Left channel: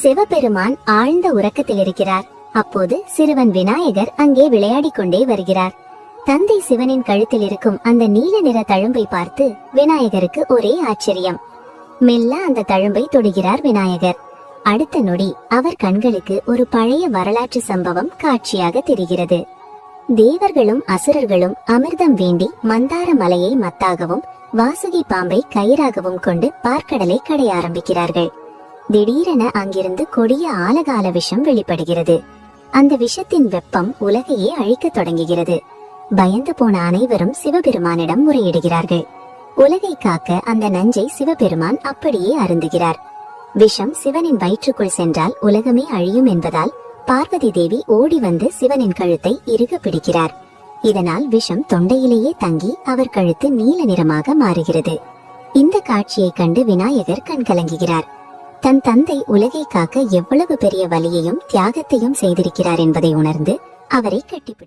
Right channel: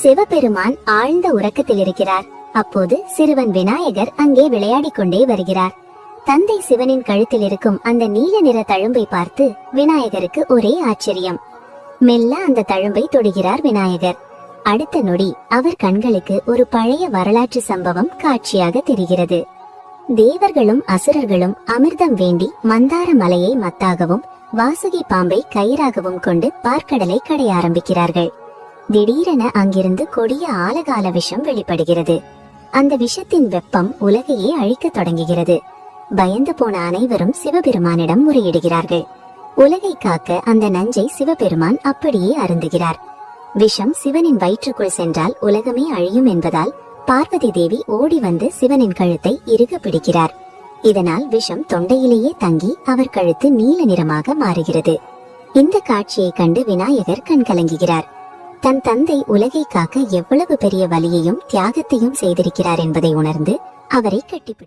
சிவபெருமான் ஆழ்ந்த உறக்கத்தில் இருக்கிறார். அப்போது சிறுவன் விநாயகர் அங்கே விளையாடிக் கொண்டே வருகிறார். தந்தை சிவனின் கழுத்தில் இருக்கும் அந்த நீல நிற தழும்பை பார்த்து விநாயகருக்கு ஒரே ஆச்சரியம். மெல்ல அந்த தழும்பை தொடுகிறார் விநாயகர். அடுத்த நொடி அவர் கண்களுக்கு ஒரு பழைய வரலாற்று சம்பவம் காட்சியாக தெரிகிறது. தேவர்களும் அசுரர்களும் அமிர்தம் வேண்டி மந்தார மலையை மத்தாகவும் வாசுகி பாம்பை கயிறாகவும் கொண்டு பார்க்கடலை கடைய ஆரம்பிக்கிறார்கள். திடீரென அங்கிருந்து கொடிய ஆலகால விஷம் வெளிப்படுகிறது. அந்த விஷத்தின் வெப்பம் உலகையே அழிக்க தொடங்குகிறது. பயந்து போன அனைவரும் சிவபெருமானிடம் முறையிடுகிறார்கள். உலகை காக்க அந்த நஞ்சை சிவபெருமான் அப்படியே அருந்துகிறார். விஷம் சிவனின் வயிற்றுக்குள் சென்றால் உலகமே அழியும் என்பதால் பார்வதி தேவி ஓடி வந்து சிவனின் கழுத்தை இறுக பிடிக்கிறார். இதனால் விஷம் தொண்டையிலேயே தங்கி அவர் கழுத்து நீல நிறமாக மாறுகிறது. இந்த காட்சியை கண்டு விநாயகர் கண் கலங்குகிறார். தன் தந்தை உலகை காக்க எவ்வளவு பெரிய வலியையும் தியாகத்தையும் செய்திருக்கிறார் என்பதை உணர்ந்து அவரை கட்டிப்பிடி